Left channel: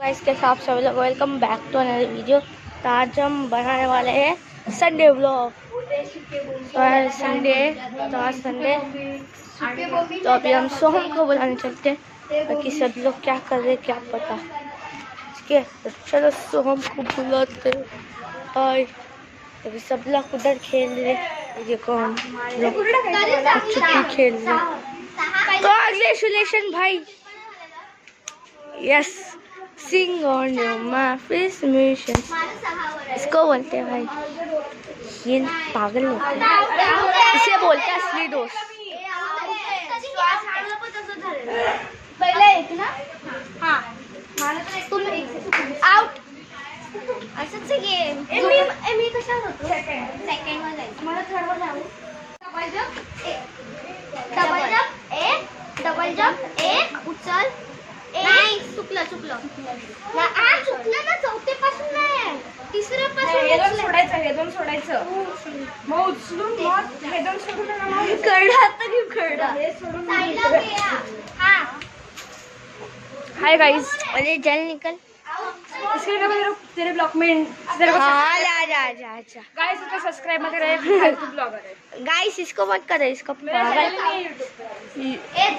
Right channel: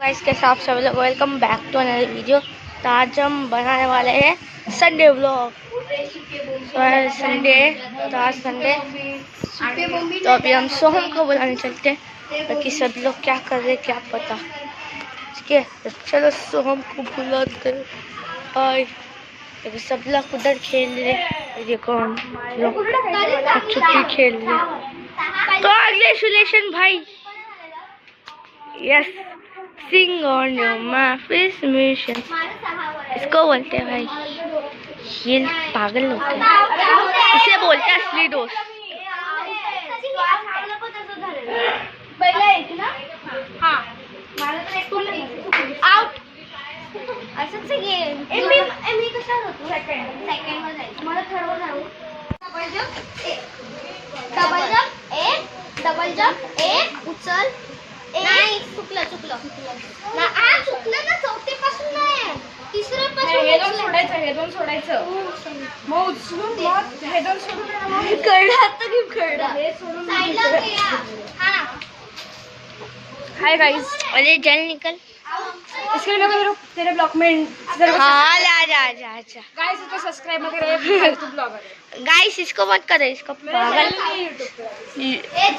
Guys कैसे आप सभी लोग welcome back to another video. तो आज हम बनाने वाले हैं संडे व्लॉग। तो आज संडे तो अभी हम सोहम को बुलाने चलते हैं। बाकी सब लोग क्या कर रहे हैं क्या पता। ठीक है तो चलो सोहम को बुलाते हैं। हाय अभी सब लोग उधर खेल रहे हैं। देखो हम लोग छुट्टी खेल रहे हैं। तो कांग्रेचुलेशन भाई। यस सिंग ऑन योर माफिस मिशन इसको बोलते हैं भाई। ये पागल लोग हैं, इसे बोलते हैं असली दोस्त। डबल जंप एक उचल नाही चुकलं ना चौथीपासून नाही तिसरीपासून हे दोन सोडायचं मग उचलून मग हे दोन सोडून हाय गाइस अरे जल निकल। इसके लिए मेरे को तेरे ब्लॉग में हाँ जा गाइस इसको सब्सक्राइब मत करे फालतू ब्लॉगर है गाइस इसको मत करो, इसको पागल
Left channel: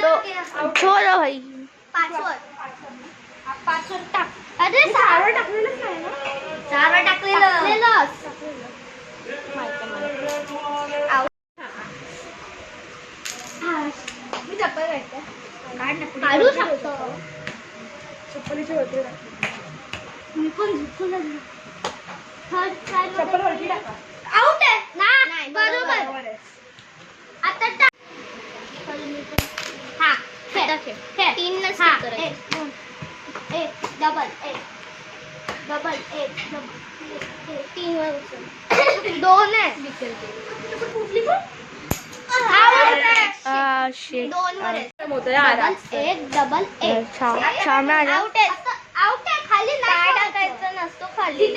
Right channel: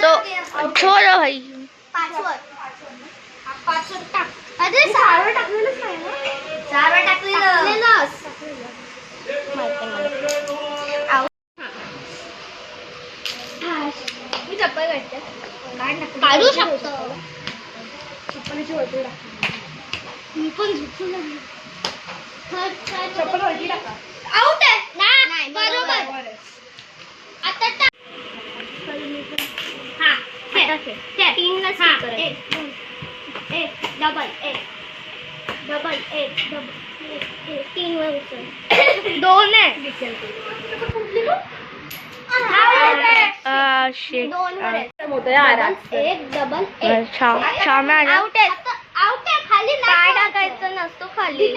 तो छोड़ो भाई। पाचवर टाक अरे सहावर टाकलेलंच नाही ना सहावर टाकलेलंच मी चप्पल काढते काढू शकतो चप्पलीची वरती मी पण झुकून लागली चप्पल वरती टाका आउट आहे नाही बरोबर आता टाक हा खेळ तीन नसते एक डबल एक तीन दोन आहे शिट एक डबल एक शाम आ जाओ। आउट आहे खाली नाही टाकायचं नसतो खाली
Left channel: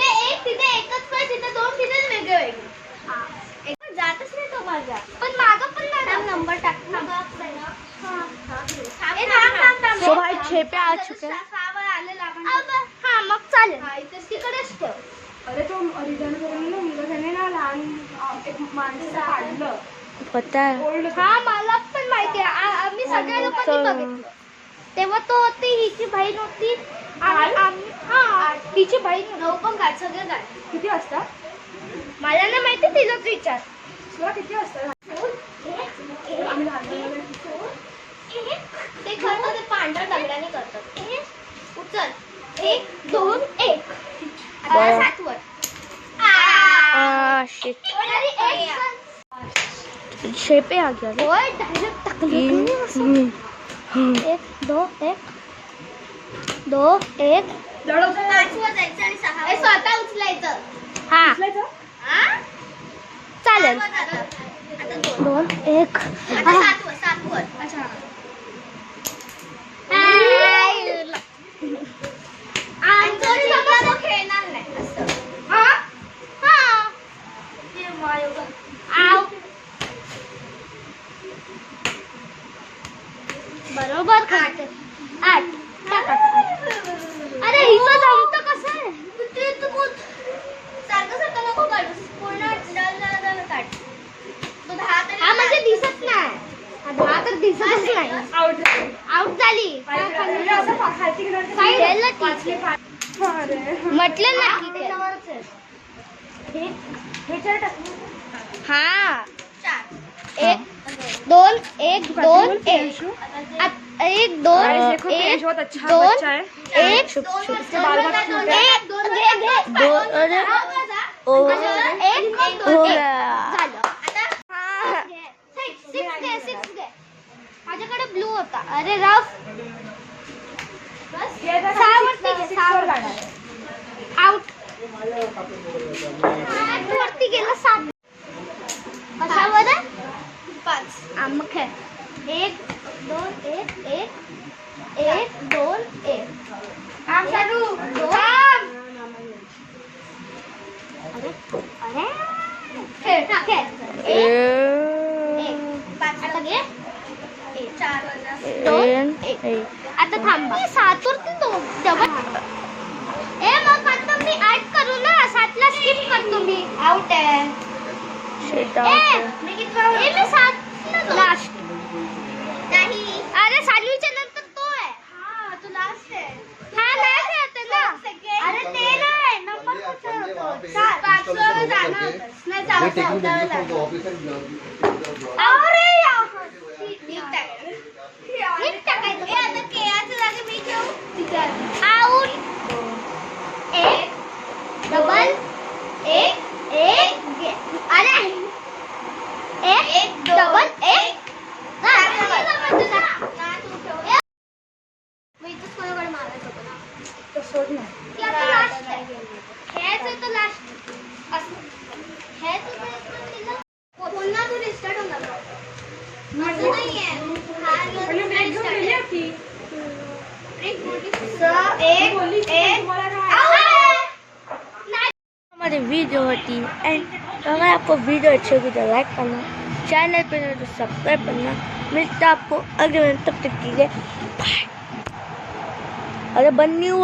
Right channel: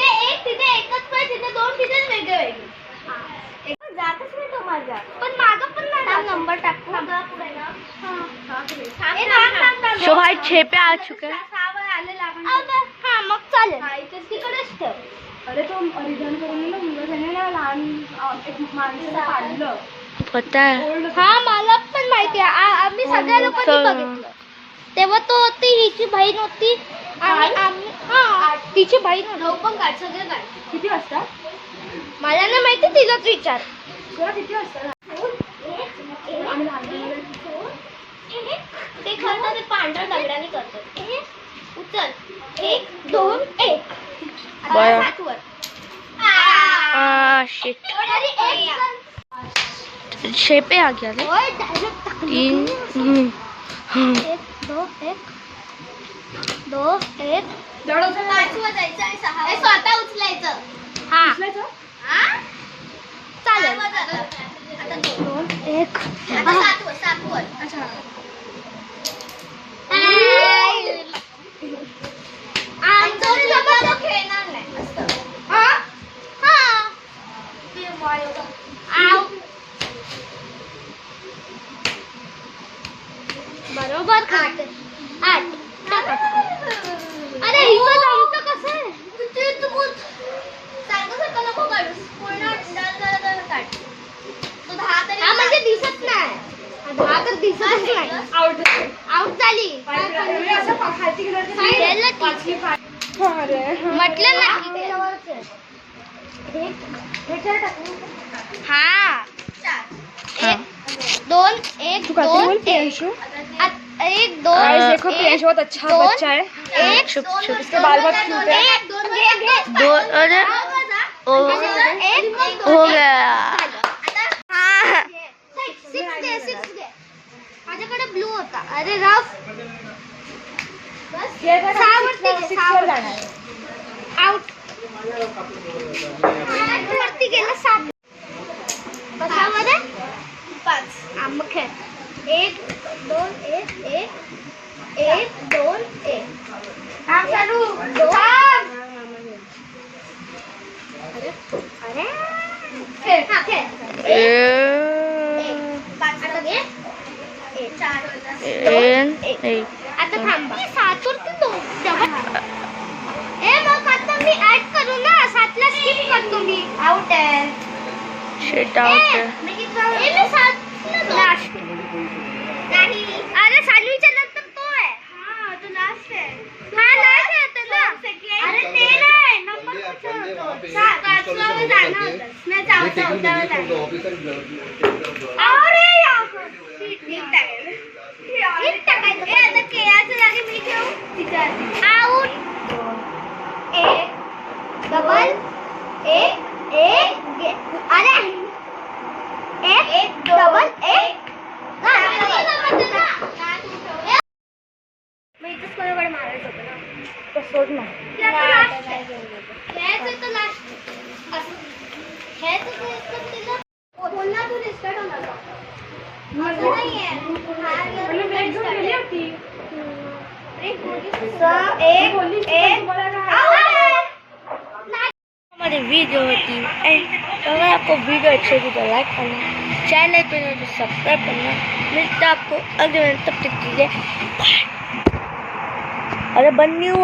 तिथे एकच पाय तिथे दोन तिथे वेगळे जातच नाही तो माझा पण मागं पण नाही नंबर टाकू सो भाई 6 पे आ चुके हैं। हा मग चालेल तिकडेच ठेव अरे तो रिटर्न करून ना मुलं ना लहान एक माणसं काढलं पता है हा मला पण माहिती आहे आम्ही सगळ्या लोकांनी बघितलं तेव्हा तो होती हिची बहीण होती तिची बहीण होती पण काढ सगळे काढ किती वाजता मला नाही माहिती तिलाच विचार किती वाजता ते करतात ते पांढऱ्या दगडाने करतात उचल एक दोन एक बरं. 7 वर शिट 6 पे आ गया रे। डायरेक्ट 3 एक दो एक स्वतः उचलायचं हा चालेल आता 2 1 7 वर अच्छा खेळणार नाही असं बरोबर 8 अरे हिचं जमतं कसं आहे सारखं नको काढूस पूर्ण डल काढ तो 10 तरी म्हणजे दिसत नाही 10 तर दिसतच नाही आउट झाली म्हटलं ना हा 2 1 2 1 2 देखो बहुत अच्छा बच्चा है एक छुप इसके बाल बहुत क्यूट है दो अरे ओ हो गया। माझ्याकडे ब्लू होता अरे रफ आउट वरती गेला 7 कशावर 5 मग खेळ 1 2 1 1 2 1 थांब चालू थांब अरे खेळ खेळ 5 आता घे 4 आता थांब 7 वरती तो तुम्ही आउट आहे शेट आउट नाही अरे सानवीच्या नंतर तो आहे हा तो लास्ट आहे अरे ते नाही नंबर कुठे होतो चार पाचव्यावर जाणार होतं नाही चौथ्यावर जाणार अरे नीट टाकायचं आता केळाच्या जागी मी ठेवू आउट एक डबल एक अरे एक डबल एक मी इथंच कोणाकडे मारायचं होतं ना सोड ना खेळायचं तर लास्ट असं खेळायचं तर पुन्हा तू रिस्टार्ट होणार माझं नाहीये हमारी वीडियो होती एंड अगर आपको वीडियो अच्छी लगी तो लाइक करना, चैनल पर तो सब्सक्राइब करना। मिलता आपको अगले तब तक के लिए बाय। अरे बंद नहीं हुआ।